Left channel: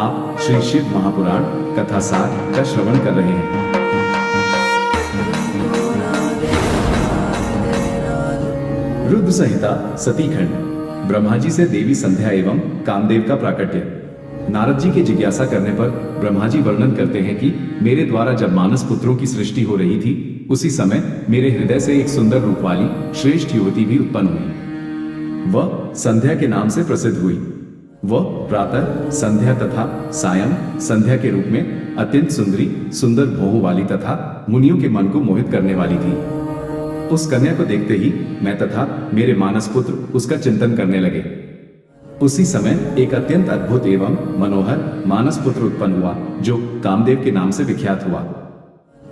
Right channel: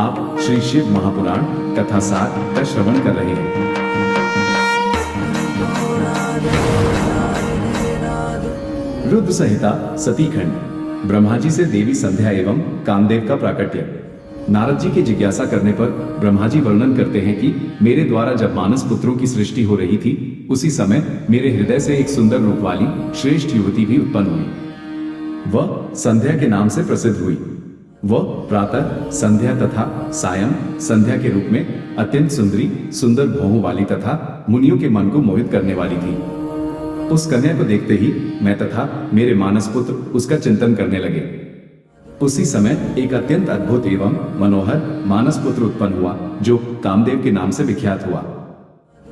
आप श्री शिव महापुराण कथा सार का श्रवण कर रहे हैं। रुद्र संहिता सती खंड। ब्रह्मा जी से देवी संध्या एवं कामदेव का प्राकट्य। नारद जी के जिज्ञासा करने पर ब्रह्मा जी वर्णन करते हैं कि मेरे द्वारा जब मानस पुत्रों की सृष्टि हो रही थी, उसी समय मेरे हृदय से एक सुंदर रूप वाली श्रेष्ठ युवती भी उत्पन्न हुई। वह संध्या के नाम से प्रसिद्ध हुई। वह प्रातः संध्या तथा सायं संध्या के रूप में अत्यंत सुंदर भौहों वाली तथा मुनियों के मन को मोहित करने वाली थी। उस कन्या को देखते ही मैं तथा मेरे मानस पुत्र उसका चिंतन करने लगे। उसी समय एक अत्यंत अद्भुत एवं मनोहर मानस पुत्र उत्पन्न हुआ, जो कामदेव के नाम से विख्यात हुआ।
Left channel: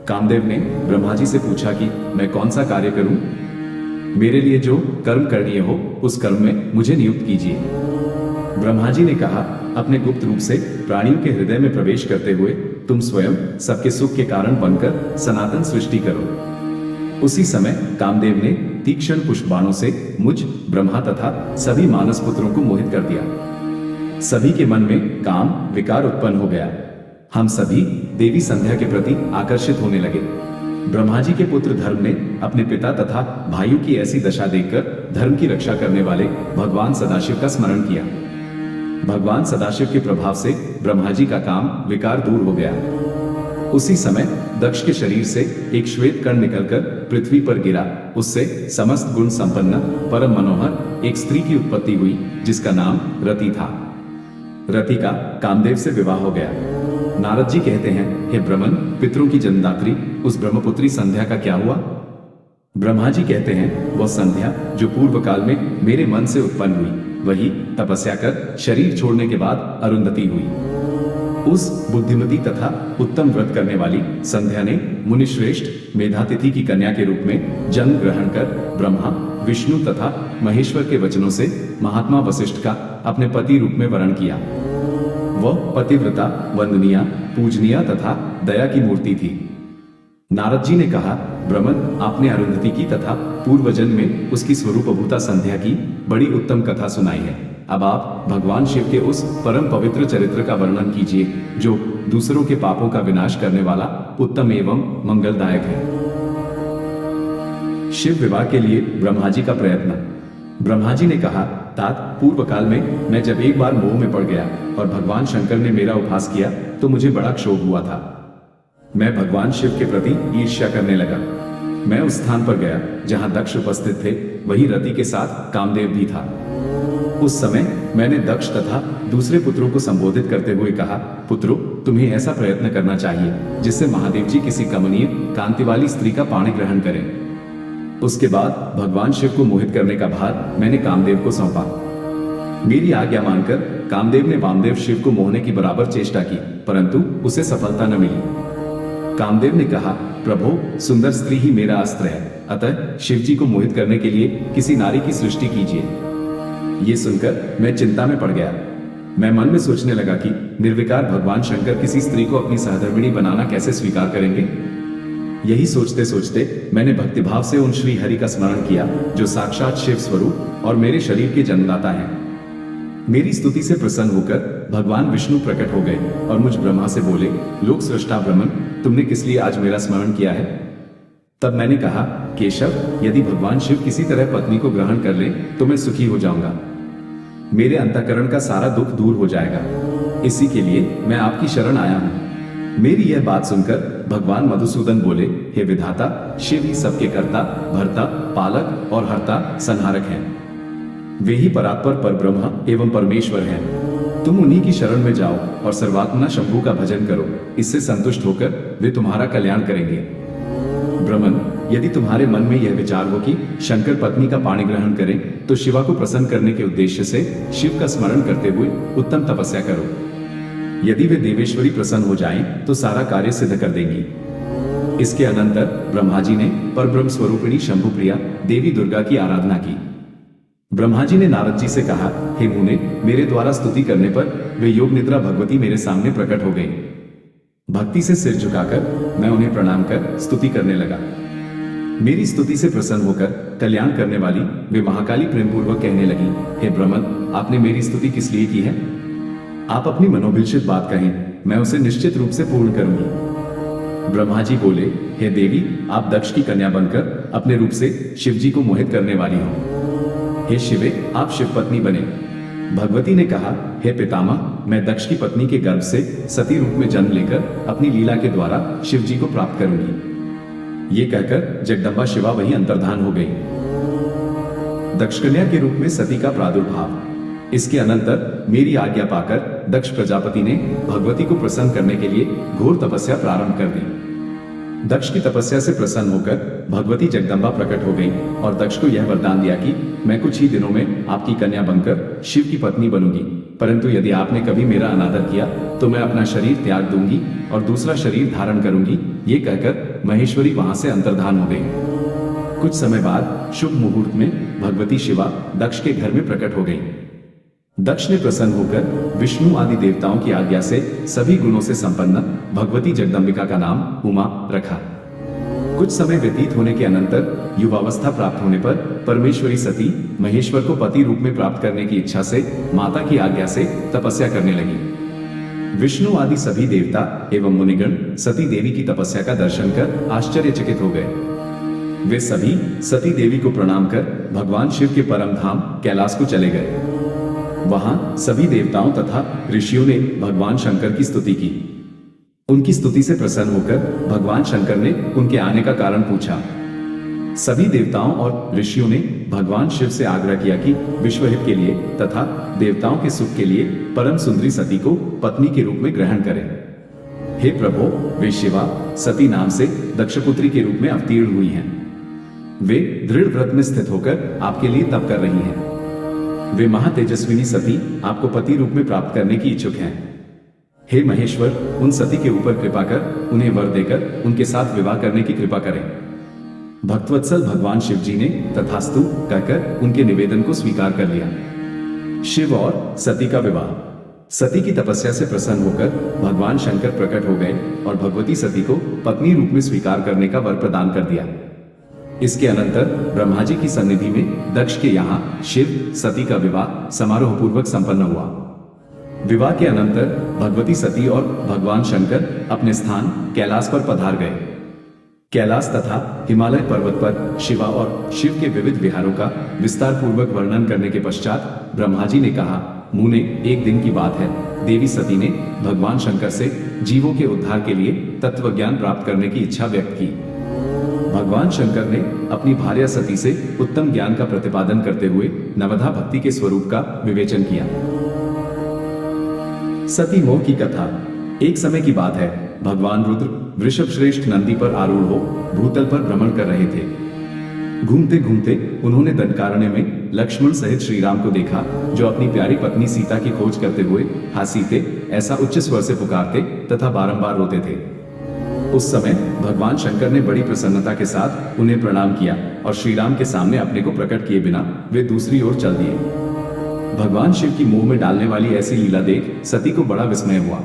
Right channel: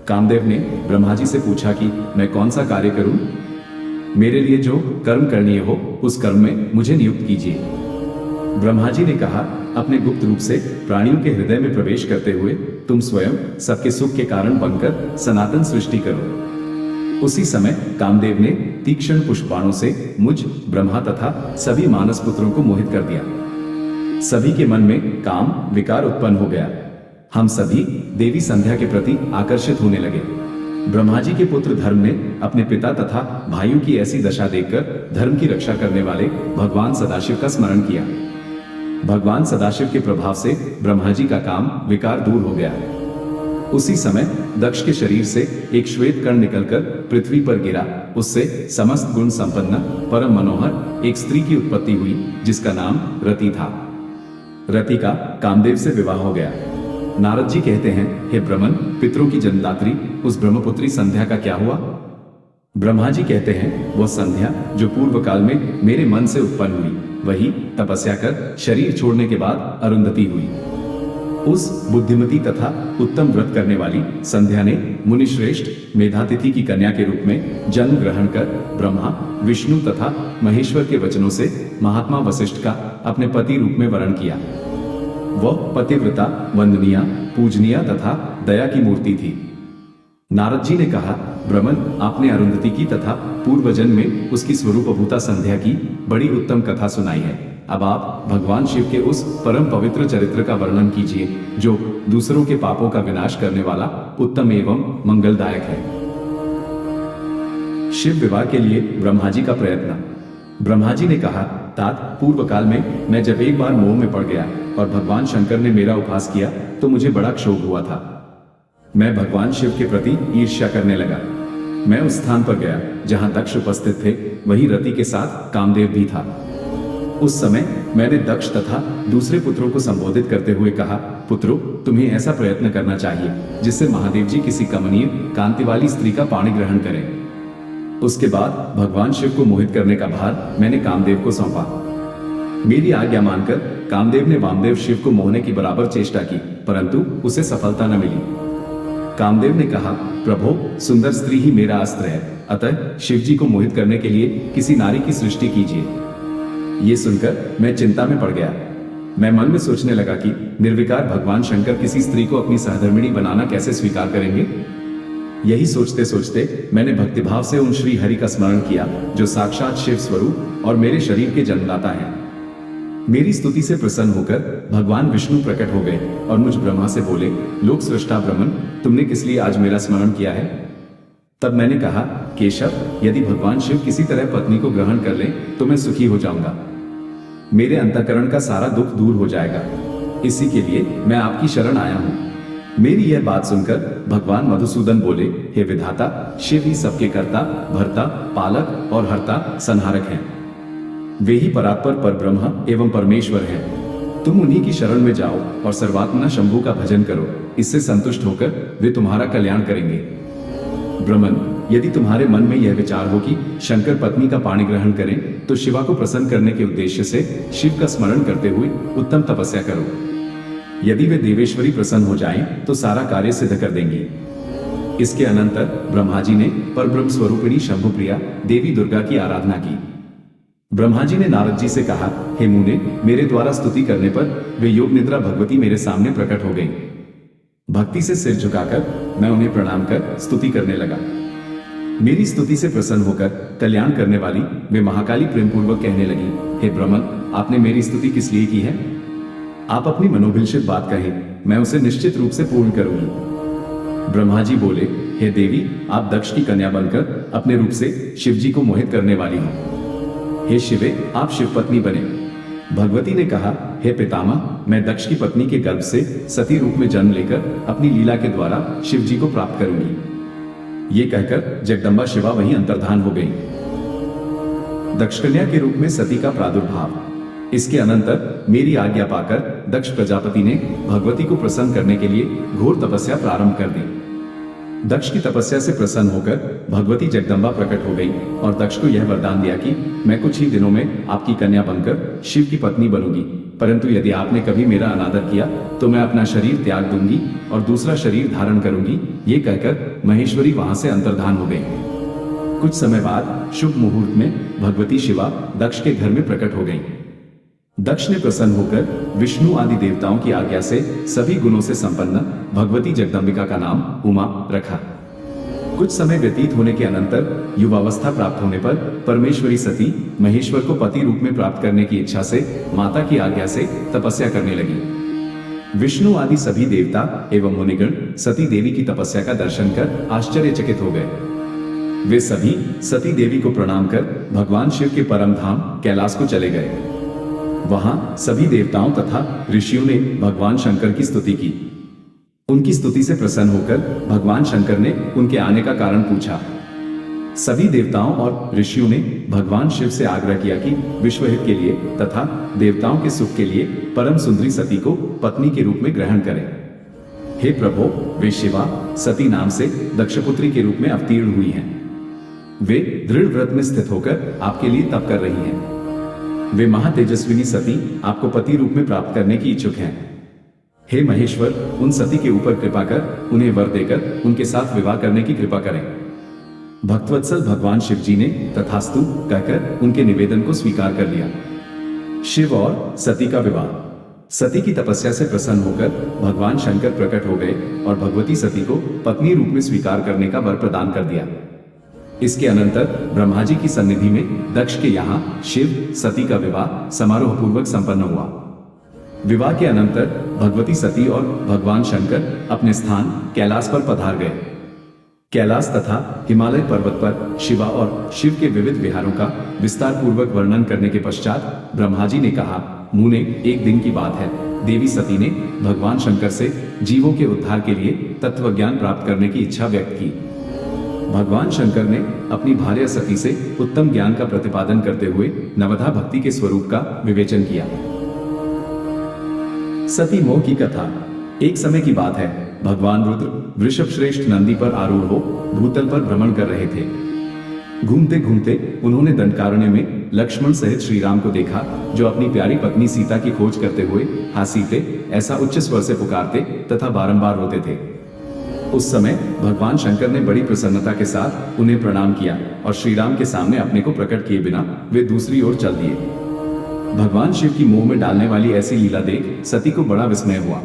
कामदेव ने ब्रह्मा जी से पूछा कि मैं कौन सा कार्य करूं? मेरे लिए जो कर्म करणीय हो उस कर्म में मुझे नियुक्त कीजिए। ब्रह्मा जी ने कहा, अपने गुप्त रूप से प्राणियों के हृदय में प्रवेश करते हुए तुम स्वयं सबके सुख के कारण बनकर सनातन सृष्टि करो। उसी समय कामदेव ने तीक्ष्ण पुष्प बाणों से मुझ ब्रह्मा तथा सभी मानस पुत्रों को मोहित कर दिया। सभी के मन में काम विकार उत्पन्न हो गया। हम सभी देवी संध्या के प्रति आकर्षित होने लगे। ब्रह्मा जी के पुत्र धर्म ने अपने पिता तथा भाइयों की ऐसी दशा देखकर धर्म की रक्षा करने वाले भगवान सदाशिव का स्मरण किया। भगवान सदाशिव के प्रभाव से ब्रह्मा जी का काम विकार दूर हो गया। उसी समय दक्ष के शरीर से एक श्वेत कण निकलकर पृथ्वी पर गिरा। उससे समस्त गुण संपन्न परम मनोहर एक स्त्री की उत्पत्ति हुई, जिसका नाम रति था। रति का कामदेव से विवाह हो गया। नारद जी कहते हैं, हे ब्रह्मन, पितरों की जन्मदात्री उस ब्रह्मपुत्री संध्या का क्या हुआ? ब्रह्मा जी कहते हैं, वह संध्या जो पूर्व काल में मेरे मन से उत्पन्न हुई, वही तपस्या कर शरीर छोड़ने के बाद अरुंधति हुई। उस बुद्धिमती तथा उत्तम व्रत करने वाली संध्या ने मुनिश्रेष्ठ मेधातिथि की कन्या के रूप में जन्म ग्रहण कर ब्रह्मा विष्णु तथा महेश्वर के वचनों से महात्मा वशिष्ठ का अपने पति रूप में वरण किया। वह पतिव्रता, वंदनीय, पूजनीय तथा दया की मूर्ति थी। नारद जी ने कहा, ब्रह्मन, आपने अरुंधति की तथा पूर्व जन्म में उसकी स्वरूपभूता संध्या की बड़ी उत्तम कथा सुनाई है। अब आप भगवान शिव के उस परम पवित्र चरित्र का वर्णन कीजिए, जो दूसरों के पापों का विनाश करने वाला उत्तम एवं मंगलदायक है। शिव विवाह के लिए ब्रह्मा जी का प्रयत्न। ब्रह्मा जी ने कहा, तात, पूर्व काल में मैं जब एक बार मोह में पड़ गया और भगवान शंकर ने मेरा उपहास किया तो मुझे बड़ा क्षोभ हुआ था। मैं भगवान शिव के प्रति ईर्ष्या करने लगा। मैं उस स्थान पर गया जहां दक्ष उपस्थित थे, वही रति के साथ कामदेव भी था। उस समय मैंने दक्ष तथा दूसरे पुत्रों को संबोधित करते हुए कहा, पुत्रों, तुम्हें ऐसा प्रयत्न करना चाहिए जिससे महादेव जी किसी कमनीय कांति वाली स्त्री का पाणी ग्रहण करें। उसके बाद भगवान शिव को मोहित करने का भार मैंने कामदेव को सौंपा। मेरी आज्ञा मानकर कामदेव ने वामदेव शिव को मोहने की बराबर चेष्टा की, परंतु उसे सफलता न मिली। कामदेव ने कहा, प्रभो, सुंदर स्त्री ही मेरा अस्त्र है, अतः शिव जी को मोहित करने के लिए किसी नारी की सृष्टि कीजिए। ये सुनकर मैं चिंता में पड़ गया। मैं मन में सोचने लगा कि निर्विकार भगवान शंकर किसी स्त्री को अपनी सहधर्मिणी बनाना कैसे स्वीकार करेंगे। यही सोचते सोचते मैंने भक्तिभाव से उन श्री हरि का स्मरण किया, जो साक्षात शिव स्वरूप और मेरे शरीर के जन्मदाता हैं। मेरी स्तुति से प्रसन्न होकर भगवान विष्णु प्रकट हो गए और मुझ ब्रह्मा से बोले, लोक सृष्टा ब्रह्मन, तुमने किस लिए आज मेरा स्मरण किया है? तब मैंने कहा, केशव, यदि भगवान शिव किसी तरह पत्नी को ग्रहण कर ले तो मैं सुखी हो जाऊंगा। मेरे अंतःकरण का सारा दुख दूर हो जाएगा। इसी के लिए मैं आपकी शरण आया हूं। मेरी यह बात सुनकर भगवान मधुसूदन बोले, हे विधाता, शिव ही सबके कर्ता, भर्ता, पालक और हर्ता, संहारक हैं। वे ही परात्पर परब्रह्म एवं परमेश्वर हैं। तुम उन्हीं की शरण में जाओ और सर्वात्मना शंभु का भजन करो। इससे संतुष्ट होकर वे तुम्हारा कल्याण करेंगे। ब्रह्मन, यदि तुम्हारे मन में यह विचार हो कि शंकर पत्नी का पाणी ग्रहण करें, तो शिवा को प्रसन्न करने के उद्देश्य से शिव का स्मरण करते हुए उत्तम तपस्या करो। यदि वे देवेश्वरी प्रसन्न हो जाएं, तो सारा कार्य सिद्ध कर देंगी। इसके अनंतर ब्रह्मा जी ने परब्रह्म स्वरूपिणी शंभुप्रिया देवी दुर्गा की आराधना की। ब्रह्मा जी ने नारद जी से कहा, हे मुने, मेरे द्वारा स्तुति करने पर वे योग निद्रा भगवती मेरे सामने प्रकट हो गई। भक्ति से सिर झुकाकर मैं उन्हें प्रणाम कर स्तुति करने लगा। मेरी स्तुति से प्रसन्न होकर कल्याण करने वाली वे महाकाली प्रेम पूर्वक कहने लगी, हे ब्रह्मन, आपने मेरी स्तुति किस लिए की है? आप अपनी मनोभिलषित बात कहें, मैं उसे निश्चित रूप से पूर्ण करूंगी। ब्रह्मा जी बोले, हे देवी, आप दक्ष की कन्या बनकर अपने रूप से शिवजी को मोहित करने वाली हो। हे शिवे, आप शिव पत्नी बने। भगवती ने कहा, हे पितामह, मैं दक्ष की पत्नी के गर्भ से सती रूप में जन्म लेकर अपनी लीला के द्वारा शिवजी को प्राप्त करूंगी। ये कहकर जगदम्बा शिवा वहीं अंतर्धान हो गई। दक्ष कन्या के रूप में सती का प्रादुर्भाव। इसके अनंतर मेरी आज्ञा पाकर दक्ष प्रजापति ने भगवती को प्रसन्न करने के लिए घोर तपस्या प्रारंभ कर दी। दक्ष की तपस्या से प्रसन्न होकर भगवती जगदम्बा प्रकट हो गई और दक्ष को यह वरदान दिया कि मैं कुछ ही दिनों में आपकी कन्या बनकर शिव की पत्नी बनूंगी, परंतु यदि आपने कभी मेरा अनादर किया तो मैं अपना शरीर त्याग दूंगी और दूसरा शरीर धारण करूंगी। ये कहकर महेश्वरी वहां से अंतर्धान हो गई। कुछ समय बाद शुभ मुहूर्त में भगवती शिवा दक्ष के घर में प्रकट हो गई। दक्ष ने प्रसन्न होकर विष्णु आदि देवताओं की आज्ञा से सभी गुणों से संपन्न भगवती जगदम्बिका का नाम उमा रखा। कुछ समय व्यतीत होने के अनंतर युवावस्था प्राप्त होने पर परमेश्वरी सती महेश्वर को पति रूप में प्राप्त करने की इच्छा से माता की आज्ञा से तपस्या करने लगी। विष्णु आदि सभी देवता एवं मुनिगण सती देवी की तपस्या का दर्शन कर आश्चर्यचकित हो गए। वे सभी सती देवी को प्रणाम कर भगवान शिव के परम धाम कैलाश को चले गए। वहां सभी देवताओं तथा ऋषियों ने भगवान शंकर की स्तुति की। उनकी स्तुति से प्रसन्न होकर भगवान शंकर ने उनके आने का कारण पूछा। सभी देवताओं और ऋषियों ने भगवान शिव से आग्रह किया कि विश्वहित के लिए तथा देवताओं के सुख के लिए परम सुंदरी सती को पत्नी के रूप में ग्रहण करें। हे प्रभु, वे शिवा सती नाम से दक्षपुत्री के रूप में अवतीर्ण हुई हैं। वे दृढ़ व्रत में स्थित होकर आपके लिए तप कर रही हैं। वे महातेजस्विनी सती आपको पति रूप में प्राप्त करने की इच्छुक हैं। हे महेश्वर, उन सती के ऊपर कृपा कर उन्हें वर देकर उनके साथ विवाह करने की कृपा करें। भक्तवत्सल भगवान शिव जी ने तथास्तु कहकर उनके निवेदन को स्वीकार कर लिया। शिव और सती का विवाह। सती की तपस्या से प्रसन्न होकर भगवान शंकर प्रकट हो गए और भगवती सती को पत्नी रूप में स्वीकार करने का वर प्रदान कर दिया। इसके अनंतर ब्रह्मा जी की सन्निधि में दक्ष के यहाँ शिव सती का विवाह समारोह पूर्वक संपन्न हुआ। विवाह के अनंतर भगवती सती और भगवान शंकर अपने स्थान कैलाश पर पधार गए। कैलाश तथा हिमालय पर्वत पर शिवा और शिव के विविध विहारों का विस्तार पूर्वक वर्णन करने के पश्चात ब्रह्मा जी ने कहा, मुने, एक दिन की बात है, देवी सती ने भगवान शंकर से जीवों के उद्धार के लिए तत्व ज्ञान प्राप्त करने की इच्छा व्यक्त की। भगवान शंकर ने अपनी भार्या सती से उत्तम ज्ञान का प्रतिपादन करते हुए नवधा भक्ति के स्वरूप का विवेचन किया। सती मोह की कथा। एक समय की बात है, भगवान रुद्र वृषभ श्रेष्ठ नंदी पर आरूढ़ हो भूतल पर भ्रमण कर रहे थे। घूमते घूमते उन्होंने दंडकारण्य में लक्ष्मण सहित श्री राम को देखा, जो अपनी प्यारी पत्नी सीता की खोज करते हुए हा सीते ऐसा उच्च स्वर से पुकारते तथा बारंबार रोते थे। उस समय भगवान शंकर ने बड़ी प्रसन्नता के साथ उन्हें प्रणाम किया और श्री राम के सामने अपने को प्रकट किए बिना वे दूसरी ओर चल दिए। भगवान शिव की मोह में डालने वाली ऐसी लीला देख सती को बड़ा विस्मय हुआ।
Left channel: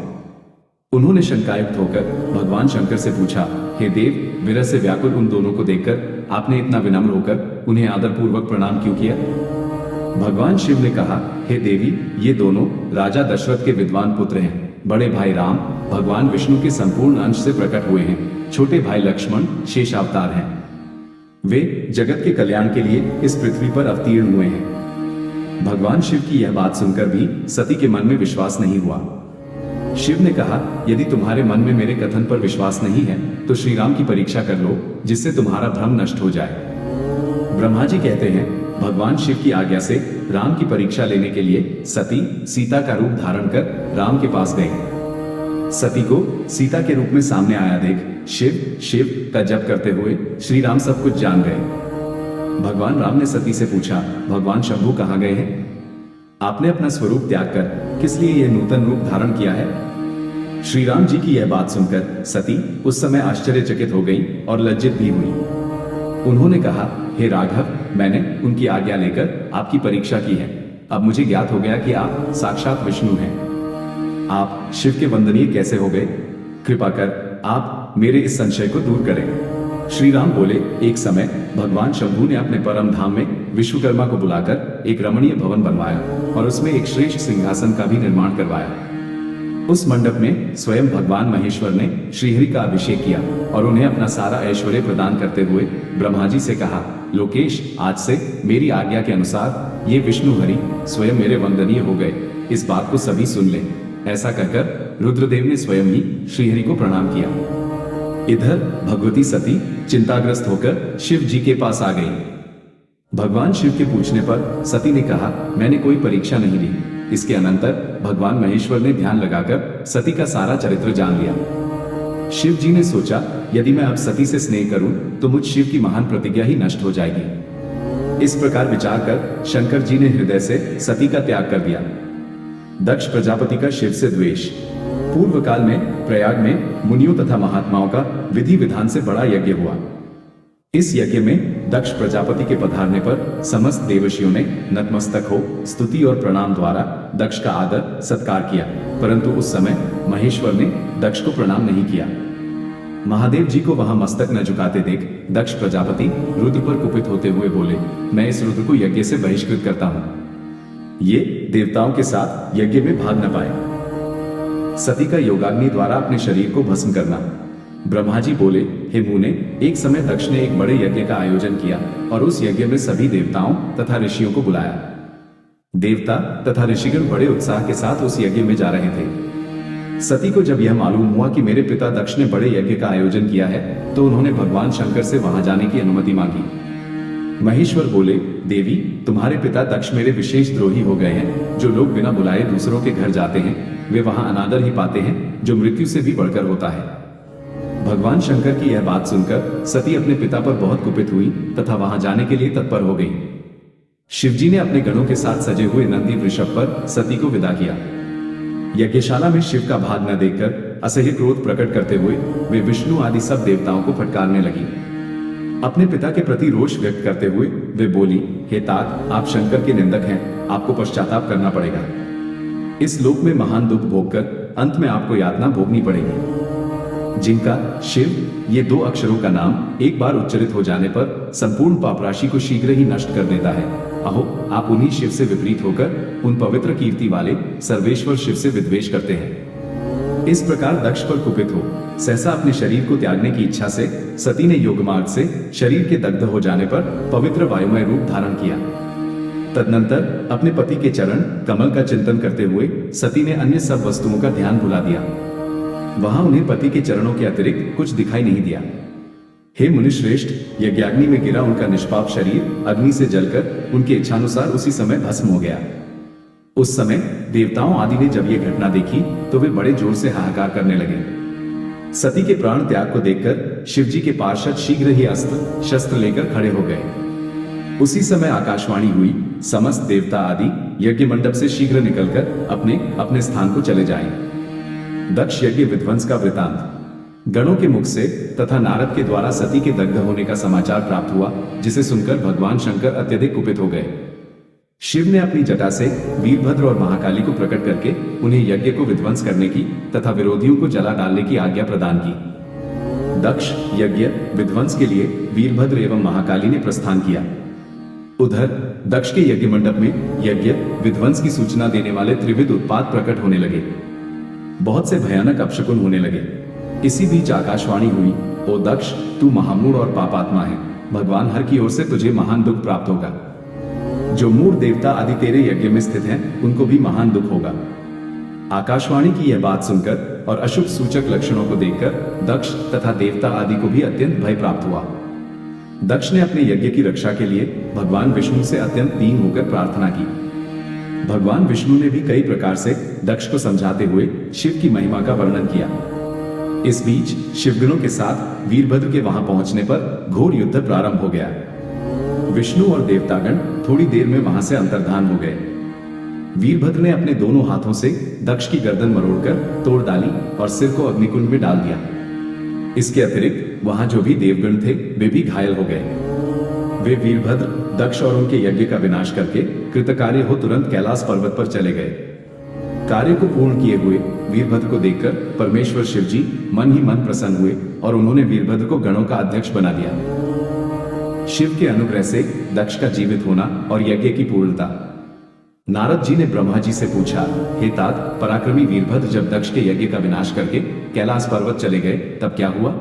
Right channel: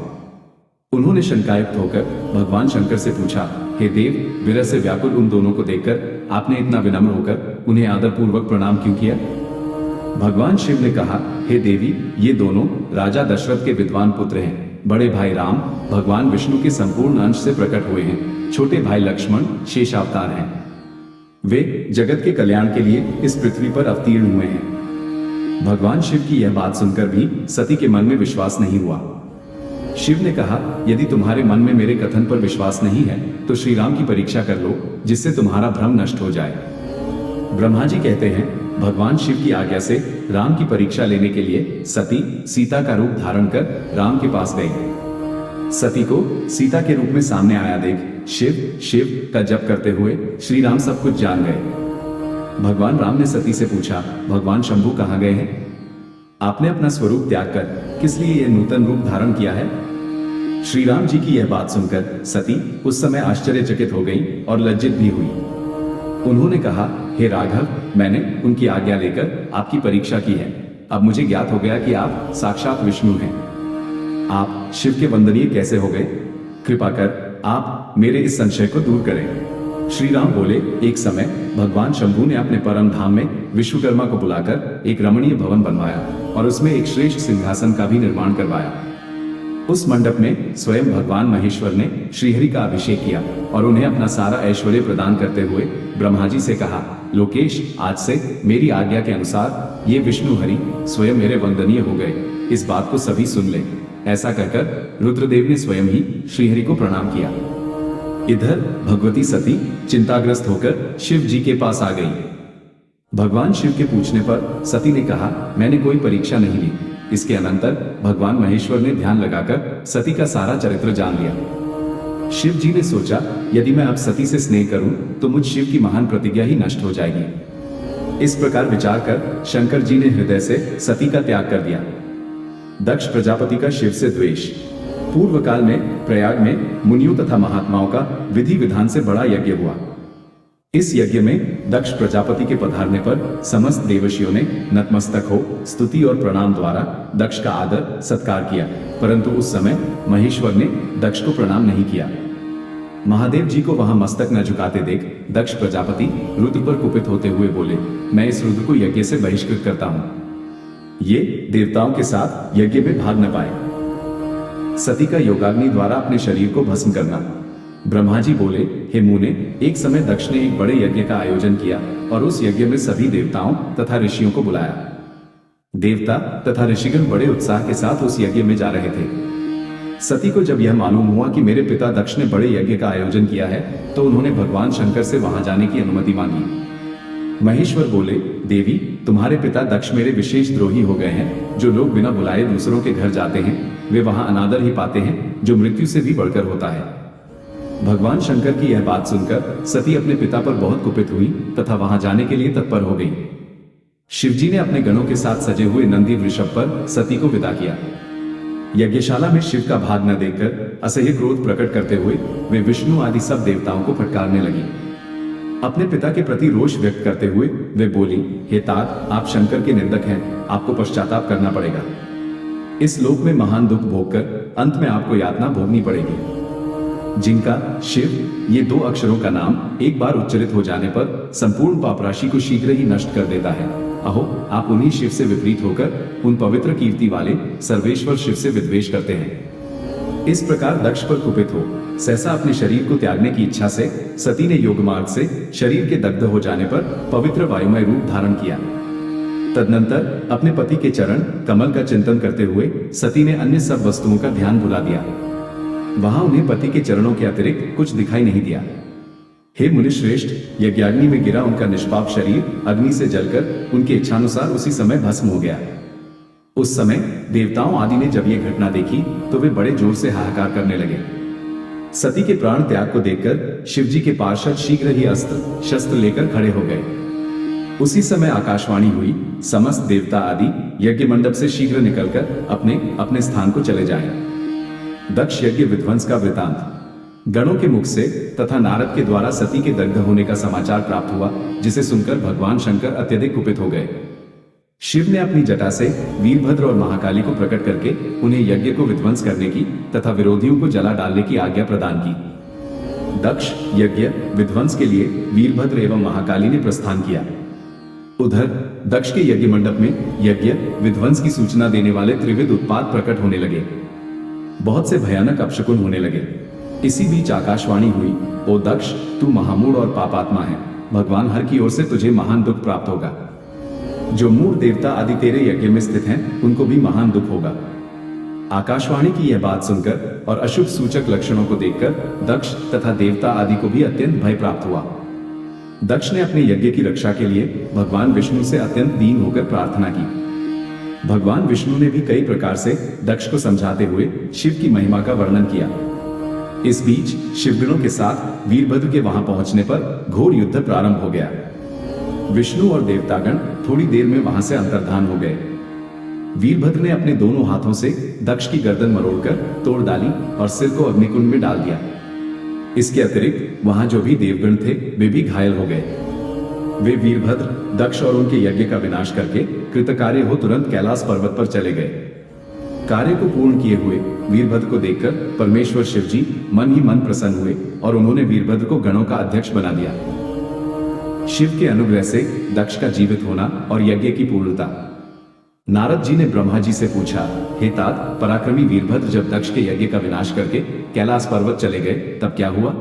उन्होंने शंकायुक्त होकर भगवान शंकर से पूछा, हे देव, विरह से व्याकुल उन दोनों को देखकर आपने इतना विनम्र होकर उन्हें आदर पूर्वक प्रणाम क्यों किया? भगवान शिव ने कहा, हे देवी, ये दोनों राजा दशरथ के विद्वान पुत्र हैं। बड़े भाई राम भगवान विष्णु के संपूर्ण अंश से प्रकट हुए हैं। छोटे भाई लक्ष्मण शेष अवतार हैं। वे जगत के कल्याण के लिए इस पृथ्वी पर अवतीर्ण हुए हैं। भगवान शिव की यह बात सुनकर भी सती के मन में विश्वास नहीं हुआ। शिव ने कहा, यदि तुम्हारे मन में मेरे कथन पर विश्वास नहीं है तो श्री राम की परीक्षा कर लो, जिससे तुम्हारा भ्रम नष्ट हो जाए। ब्रह्मा जी कहते हैं, भगवान शिव की आज्ञा से राम की परीक्षा लेने के लिए सती सीता का रूप धारण कर राम के पास गई। सती को सीता के रूप में सामने आया देख शिव शिव का जप करते हुए श्री राम सब कुछ जान गए। भगवान राम ने सती से पूछा, भगवान शंभु कहाँ गए हैं? आपने अपना स्वरूप त्याग कर किस लिए यह नूतन रूप धारण किया है? श्री राम जी की यह बात सुनकर सती उस समय आश्चर्यचकित हो गई और लज्जित भी हुई। उन्होंने कहा, हे राघव, मैंने उनकी आज्ञा लेकर आपकी परीक्षा की है। अब मुझे ज्ञात हो गया कि आप साक्षात विष्णु हैं। आप शिव के वंदनीय कैसे हो गए? कृपा कर आप मेरे इस संशय को दूर करें। श्री राम बोले, एक समय भगवान शंभु ने अपने परम धाम में विश्वकर्मा को बुलाकर एक रमणीय भवन बनवाया और उसमें एक श्रेष्ठ सिंहासन का भी निर्माण करवाया। उस मंडप में स्वयं भगवान महेश्वर ने श्रीहरि का अभिषेक किया और उन्हें अपना सारा ऐश्वर्य प्रदान करते हुए ब्रह्मा जी से कहा, लोकेश, आज से मेरी आज्ञा के अनुसार ये विष्णु हरि स्वयं मेरे वंदनीय हो गए, इस बात को सभी सुन लें। ऐसा कहकर रुद्रदेव ने स्वयं ही श्रीहरि को प्रणाम किया। इधर भगवती सती चिंताग्रस्त होकर शिव जी के पास आ गई। भगवान शिव के पूछने पर सती ने कहा, मैंने कोई परीक्षा नहीं ली। इसके अनंतर भगवान महेश्वर ने ध्यान लगाकर सती का सारा चरित्र जान लिया। शिव जी ने सोचा, यदि मैं अब सती से स्नेह करूं तो मुझ शिव की महान प्रतिज्ञा ही नष्ट हो जाएगी। इस प्रकार विचार कर शंकर जी ने हृदय से सती का त्याग कर दिया। दक्ष प्रजापति का शिव से द्वेष। पूर्व काल में प्रयाग में मुनियों तथा महात्माओं का विधि विधान से बड़ा यज्ञ हुआ। इस यज्ञ में दक्ष प्रजापति के पधारने पर समस्त देवशियों ने नतमस्तक हो स्तुति और प्रणाम द्वारा दक्ष का आदर सत्कार किया, परंतु उस समय महेश्वर ने दक्ष को प्रणाम नहीं किया। महादेव जी को वहां मस्तक न झुकाते देख दक्ष प्रजापति रुद्र पर कुपित होते हुए बोले, मैं इस रुद्र को यज्ञ से बहिष्कृत करता हूं, ये देवताओं के साथ यज्ञ में भाग न पाए। सती का योगाग्नि द्वारा अपने शरीर को भस्म करना। ब्रह्मा जी बोले, हे मुने, एक समय दक्ष ने एक बड़े यज्ञ का आयोजन किया और उस यज्ञ में सभी देवताओं तथा ऋषियों को बुलाया। देवता तथा ऋषिगण बड़े उत्साह के साथ उस यज्ञ में जा रहे थे। सती को जब यह मालूम हुआ कि मेरे पिता दक्ष ने बड़े यज्ञ का आयोजन किया है, तो उन्होंने भगवान शंकर से वहां जाने की अनुमति मांगी। महेश्वर बोले, देवी, तुम्हारे पिता दक्ष मेरे विशेष द्रोही हो गए हैं। जो लोग बिना बुलाए दूसरों के घर जाते हैं वे वहां अनादर ही पाते हैं, जो मृत्यु से भी बढ़कर होता है। भगवान शंकर की यह बात सुनकर सती अपने पिता पर बहुत कुपित हुई तथा वहां जाने के लिए तत्पर हो गई। शिवजी ने अपने गणों के साथ सजे हुए नंदी वृषभ पर सती को विदा किया। यज्ञशाला में शिव का भाग न देखकर असह्य क्रोध प्रकट करते हुए वे विष्णु आदि सब देवताओं को फटकारने लगी। अपने पिता के प्रति रोष व्यक्त करते हुए वे बोली, हे तात, आप शंकर के निंदक हैं, आपको पश्चाताप करना पड़ेगा। इस लोक में महान दुख भोगकर अंत में आपको यातना भोगनी पड़ेगी। जिनका शिव ये दो अक्षरों का नाम एक बार उच्चारित हो जाने पर संपूर्ण पाप राशि को शीघ्र ही नष्ट कर देता है। अहो, आप उन्हीं शिव से विपरीत होकर उन पवित्र कीर्ति वाले सर्वेश्वर शिव से विद्वेष करते हैं। इस प्रकार दक्ष पर कुपित हो सहसा अपने शरीर को त्यागने की इच्छा से सती ने योगमार्ग से शरीर के दग्ध हो जाने पर पवित्र वायुमय रूप धारण किया। तदनंतर अपने पति के चरण कमल का चिंतन करते हुए सती ने अन्य सब वस्तुओं का ध्यान भुला दिया। वहां उन्हें पति के चरणों के अतिरिक्त कुछ दिखाई नहीं दिया। हे मुनिश्रेष्ठ, यज्ञाग्नि में गिरा उनका निष्पाप शरीर अग्नि से जलकर उनके इच्छानुसार उसी समय भस्म हो गया। उस समय देवताओं आदि ने जब ये घटना देखी तो वे बड़े जोर से हाहाकार करने लगे। सती के प्राण त्याग को देखकर शिवजी के पार्षद शीघ्र ही अस्त्र शस्त्र लेकर खड़े हो गए। उसी समय आकाशवाणी हुई, समस्त देवता आदि यज्ञ मंडप से शीघ्र निकलकर अपने अपने स्थान को चले जाएं। दक्ष यज्ञ विध्वंस का वृतांत। गणों के मुख से तथा नारद के द्वारा सती के दग्ध होने का समाचार प्राप्त हुआ, जिसे सुनकर भगवान शंकर अत्यधिक कुपित हो गए। शिव ने अपनी जटा से वीरभद्र और महाकाली को प्रकट करके उन्हें यज्ञ को विध्वंस करने की तथा विरोधियों को जला डालने की आज्ञा प्रदान की। दक्ष यज्ञ विध्वंस के लिए वीरभद्र एवं महाकाली ने प्रस्थान किया। उधर दक्ष के यज्ञ मंडप में यज्ञ विध्वंस की सूचना देने वाले त्रिविध उत्पात प्रकट होने लगे। बहुत से भयानक अपशकुन होने लगे। इसी बीच आकाशवाणी हुई, ओ दक्ष, तू महामूढ़ और पापात्मा है, भगवान हर की ओर से तुझे महान दुख प्राप्त होगा। जो मूढ़ देवता आदि तेरे यज्ञ में स्थित हैं, उनको भी महान दुख होगा। आकाशवाणी की यह बात सुनकर और अशुभ सूचक लक्षणों को देखकर दक्ष तथा देवता आदि को भी अत्यंत भय प्राप्त हुआ। दक्ष ने अपने यज्ञ की रक्षा के लिए भगवान विष्णु से अत्यंत दीन होकर प्रार्थना की। भगवान विष्णु ने भी कई प्रकार से दक्ष को समझाते हुए शिव की महिमा का वर्णन किया। इस बीच शिवगणों के साथ वीरभद्र के वहां पहुंचने पर घोर युद्ध प्रारंभ हो गया। विष्णु और देवतागण थोड़ी देर में वहां से अंतर्धान हो गए। वीरभद्र ने अपने दोनों हाथों से दक्ष की गर्दन मरोड़कर तोड़ डाली और सिर को अग्निकुंड में डाल दिया। इसके अतिरिक्त वहां जो भी देवगण थे वे भी घायल हो गए। वे वीरभद्र, दक्ष और उनके यज्ञ का विनाश करके कृतकार्य हो तुरंत कैलाश पर्वत पर चले गए। कार्य को पूर्ण किए हुए वीरभद्र को देखकर परमेश्वर शिवजी मन ही मन प्रसन्न हुए और उन्होंने वीरभद्र को गणों का अध्यक्ष बना दिया। शिव के अनुग्रह से दक्ष का जीवित होना और यज्ञ की पूर्णता। नारद जी ने ब्रह्मा जी से पूछा, हे तात, पराक्रमी वीरभद्र जब दक्ष के यज्ञ का विनाश करके कैलाश पर्वत चले गए तब क्या हुआ?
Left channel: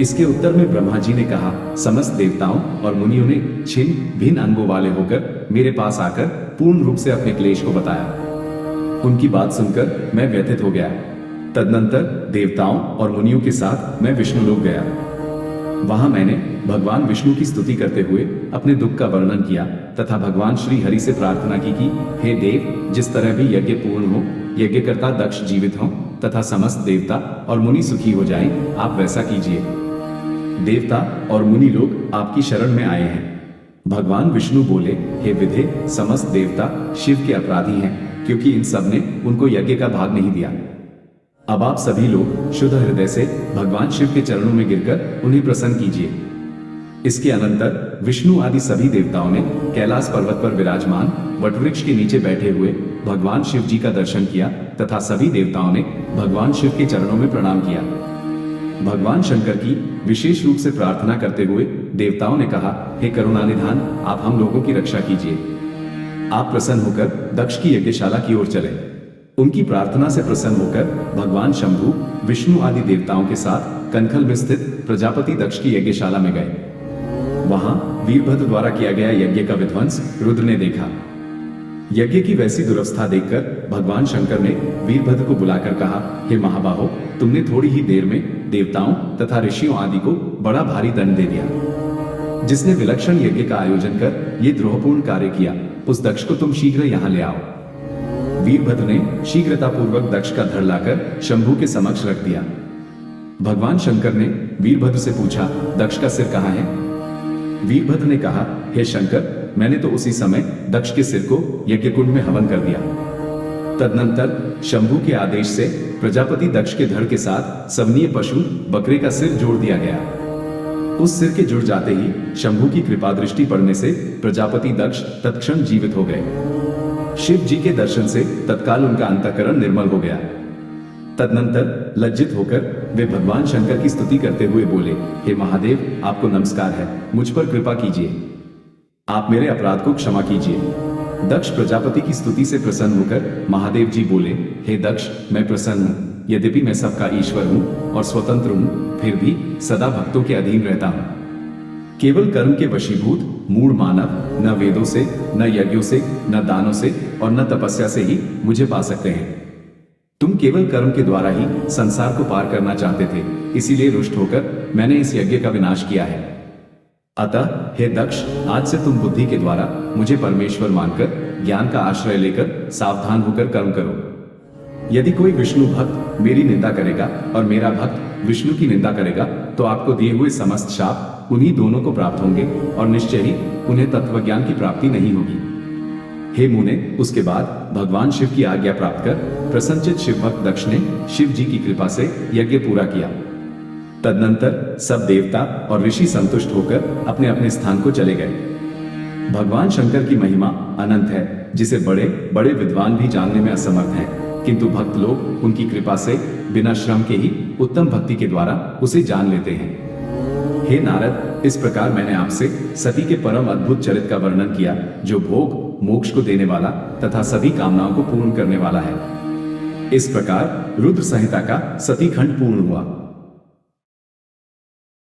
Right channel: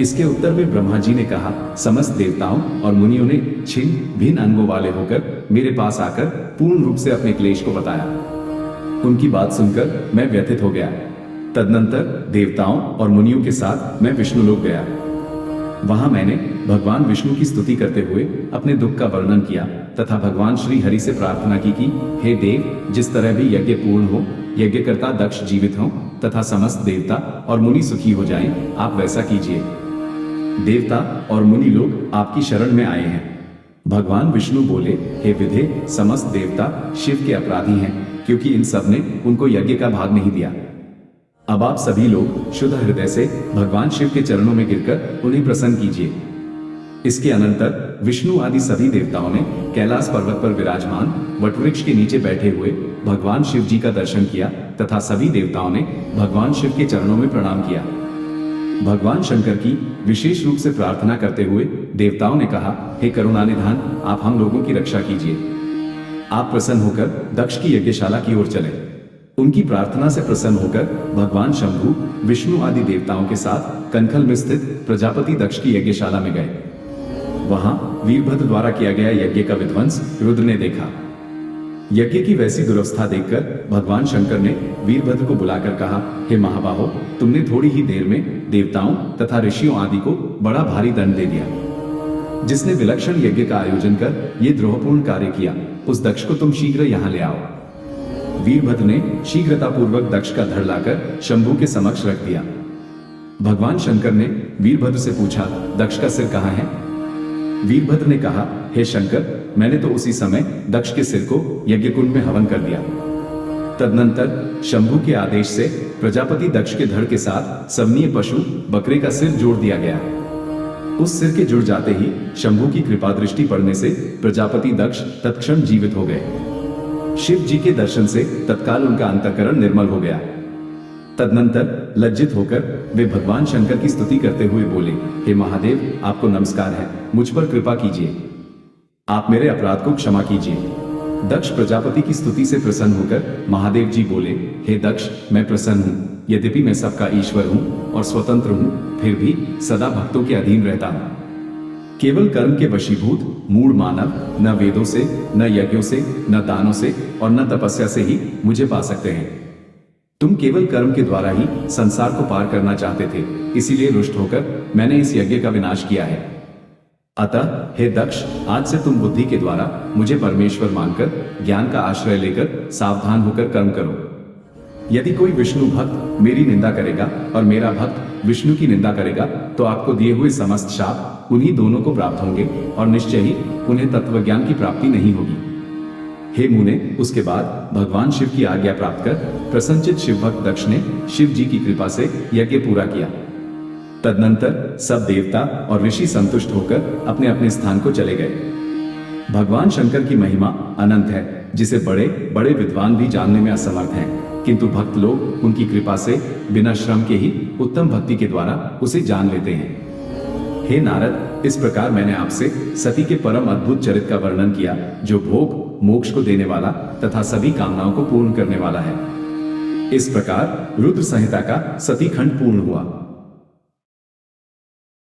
इसके उत्तर में ब्रह्मा जी ने कहा, समस्त देवताओं और मुनियों ने छिन्न भिन्न अंगों वाले होकर मेरे पास आकर पूर्ण रूप से अपने क्लेश को बताया। उनकी बात सुनकर मैं व्यथित हो गया। तदनंतर देवताओं और मुनियों के साथ मैं विष्णु लोक गया। वहां मैंने भगवान विष्णु की स्तुति करते हुए अपने दुख का वर्णन किया तथा भगवान श्री हरि से प्रार्थना की कि हे देव, जिस तरह भी यज्ञ पूर्ण हो, यज्ञकर्ता दक्ष जीवित हो तथा समस्त देवता और मुनि सुखी हो जाएं, आप वैसा कीजिए। देवता और मुनि लोग आपकी शरण में आए हैं। भगवान विष्णु बोले, हे विधे, समस्त देवता शिव के अपराधी हैं, क्योंकि इन सब ने उनको यज्ञ का भाग नहीं दिया। अब आप सभी लोग शुद्ध हृदय से भगवान शिव के चरणों में गिरकर उन्हें प्रसन्न कीजिए। इसके अनंतर विष्णु आदि सभी देवताओं ने कैलाश पर्वत पर विराजमान वटवृक्ष के नीचे बैठे हुए भगवान शिव जी का दर्शन किया तथा सभी देवताओं ने भगवान शिव के चरणों में प्रणाम किया। भगवान शंकर की विशेष रूप से प्रार्थना करते हुए देवताओं ने कहा, हे करुणानिधान, आप हम लोगों की रक्षा कीजिए। आप प्रसन्न होकर दक्ष की यज्ञशाला की ओर चले। उनकी प्रार्थना से प्रसन्न होकर भगवान शंभु विष्णु आदि देवताओं के साथ कनखल में स्थित प्रजापति दक्ष की यज्ञशाला में गए। वहां वीरभद्र द्वारा किया गया यज्ञ का विध्वंस रुद्र ने देखा। यज्ञ की वैसी दुरवस्था देखकर भगवान शंकर ने वीरभद्र को बुलाकर कहा, हे महाबाहो, तुमने थोड़ी ही देर में देवताओं तथा ऋषियों आदि को बड़ा भारी दंड दे दिया। जिसने विलक्षण यज्ञ का आयोजन कर ये द्रोहपूर्ण कार्य किया, उस दक्ष को तुम शीघ्र यहां ले आओ। वीरभद्र ने शीघ्रतापूर्वक दक्ष का धड़ लाकर शंभु के समक्ष रख दिया। भगवान शंकर ने वीरभद्र से पूछा, दक्ष का सिर कहाँ है? वीरभद्र ने कहा, हे शंकर, मैंने तो उसी समय दक्ष के सिर को यज्ञकुंड में हवन कर दिया। तदनंतर शंभु के आदेश से प्रजापति दक्ष के धड़ के साथ सवनीय पशु बकरे का सिर जोड़ दिया गया। उस सिर के जुड़ जाते ही शंभु की कृपा दृष्टि पड़ने से प्रजापति दक्ष तत्क्षण जीवित हो गए। शिव जी के दर्शन से तत्काल उनका अंतःकरण निर्मल हो गया। तदनंतर लज्जित होकर वे भगवान शंकर की स्तुति करते हुए बोले, हे महादेव, आपको नमस्कार है, मुझ पर कृपा कीजिए, आप मेरे अपराध को क्षमा कीजिए। दक्ष प्रजापति की स्तुति से प्रसन्न होकर महादेव जी बोले, हे दक्ष, मैं प्रसन्न हूँ। यद्यपि मैं सबका ईश्वर हूँ और स्वतंत्र हूँ, फिर भी सदा भक्तों के अधीन रहता हूँ। केवल कर्म के वशीभूत मूढ़ मानव न वेदों से, न यज्ञों से, न दानों से और न तपस्या से ही मुझे पा सकते हैं। तुम केवल कर्म के द्वारा ही संसार को पार करना चाहते थे, इसीलिए रुष्ट होकर मैंने इस यज्ञ का विनाश किया है। अतः हे दक्ष, आज से तुम बुद्धि के द्वारा मुझे परमेश्वर मानकर ज्ञान का आश्रय लेकर सावधान होकर कर्म करो। यदि कोई विष्णु भक्त मेरी निंदा करेगा और मेरा भक्त विष्णु की निंदा करेगा, तो आपको दिए हुए समस्त शाप उन्हीं दोनों को प्राप्त होंगे और निश्चय ही उन्हें तत्वज्ञान की प्राप्ति नहीं होगी। हे मुने, उसके बाद भगवान शिव की आज्ञा प्राप्त कर प्रसन्नचित शिव भक्त दक्ष ने शिव जी की कृपा से यज्ञ पूरा किया। तदनंतर सब देवता और ऋषि संतुष्ट होकर अपने अपने स्थान को चले गए। भगवान शंकर की महिमा अनंत है, जिसे बड़े बड़े विद्वान भी जानने में असमर्थ हैं, किंतु भक्त लोग उनकी कृपा से बिना श्रम के ही उत्तम भक्ति के द्वारा उसे जान लेते हैं। हे नारद, इस प्रकार मैंने आपसे सती के परम अद्भुत चरित्र का वर्णन किया, जो भोग मोक्ष को देने वाला तथा सभी कामनाओं को पूर्ण करने वाला है। इस प्रकार रुद्र संहिता का सती खंड पूर्ण हुआ।